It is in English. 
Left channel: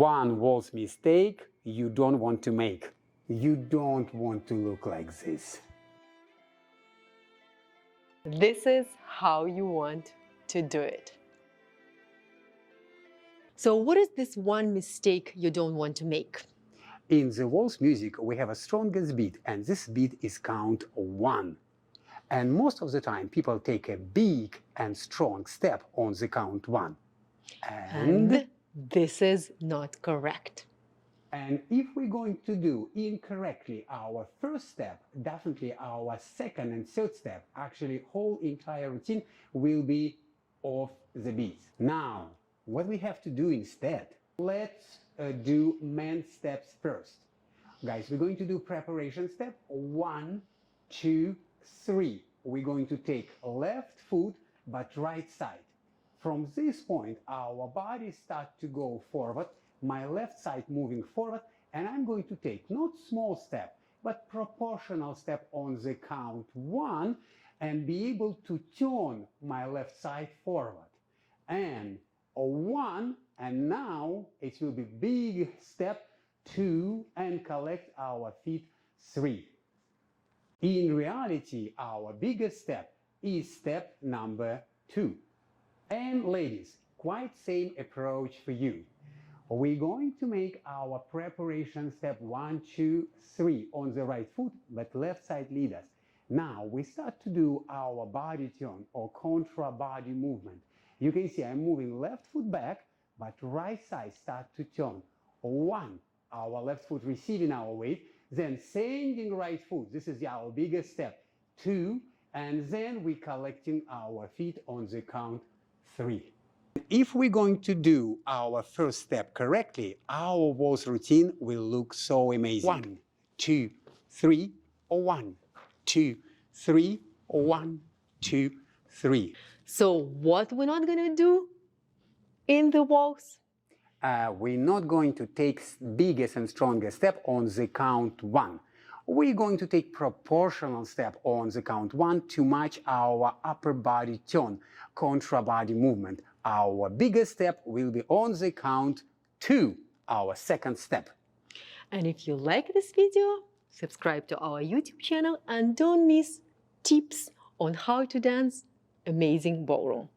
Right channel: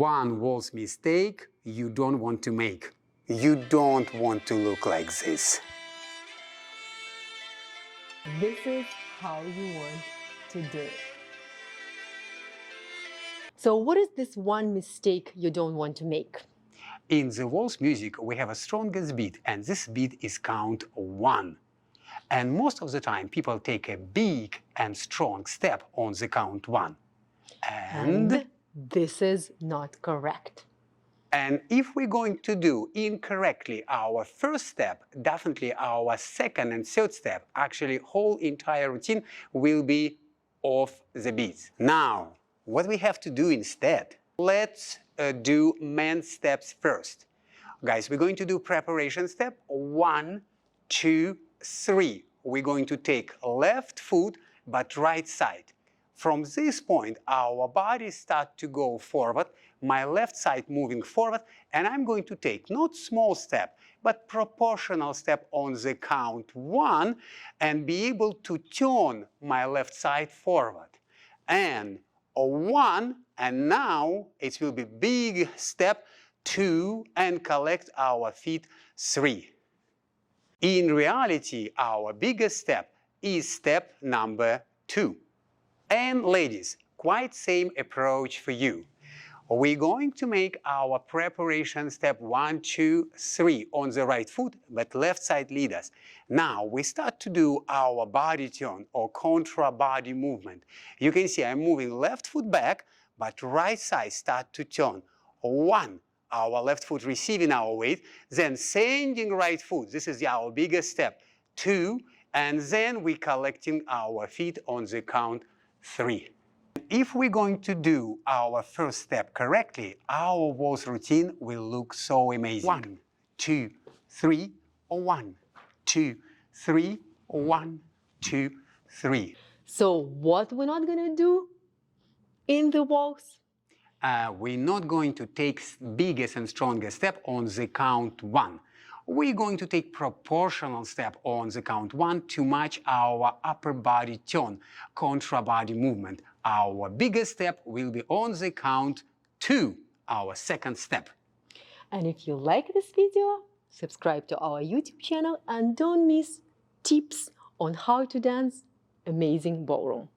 One waltz mistake you don't want to make. You don't want to look like this. This is how you want to do it. So what is this one mistake you don't want to make? In the waltz music, we have a strongest beat, and this beat is count 1. And most of the time, people take a big and strong step on the count 1. And this is not correct. And if we're going to do incorrectly our first step, definitely our second and third step, actually whole entire routine will be off the beats. Now, what we have to do instead, let's do main steps first. Guys, we're going to do preparation step 1, 2, 3. We're going to take left foot, but right side. From this point, our body starts to go forward, my left side moving forward, and I'm going to take not small step, but proportional step on the count 1 and be able to turn my left side forward. And 1, and now it will be big step 2 and collect our feet 3. In reality, our biggest step is step number 2. And ladies, quite same approach for you. We're going to make our preparation step 1, 2, 3 on the right foot, but left side lead us. Now we start to do our body turn or contra body movement. You can see I'm moving left foot back, but right side start to turn. 1, our left foot receiving our weight, then sending right foot. This is our biggest step. 2, and then we collecting our feet on the count 3. If we're going to do our first step correctly, our waltz routine will look so amazing. 1, 2, 3, 1, 2, 3, 1, 2, 3. So what we're not going to do in the waltz? We're not going to take biggest and strongest step on the count 1. We're going to take proportional step on the count 1 to match our upper body turn, contra body movement. Our biggest step will be on the count 2, our second step. And if you like this video, subscribe to our YouTube channel and don't miss tips on how to dance amazing ballroom.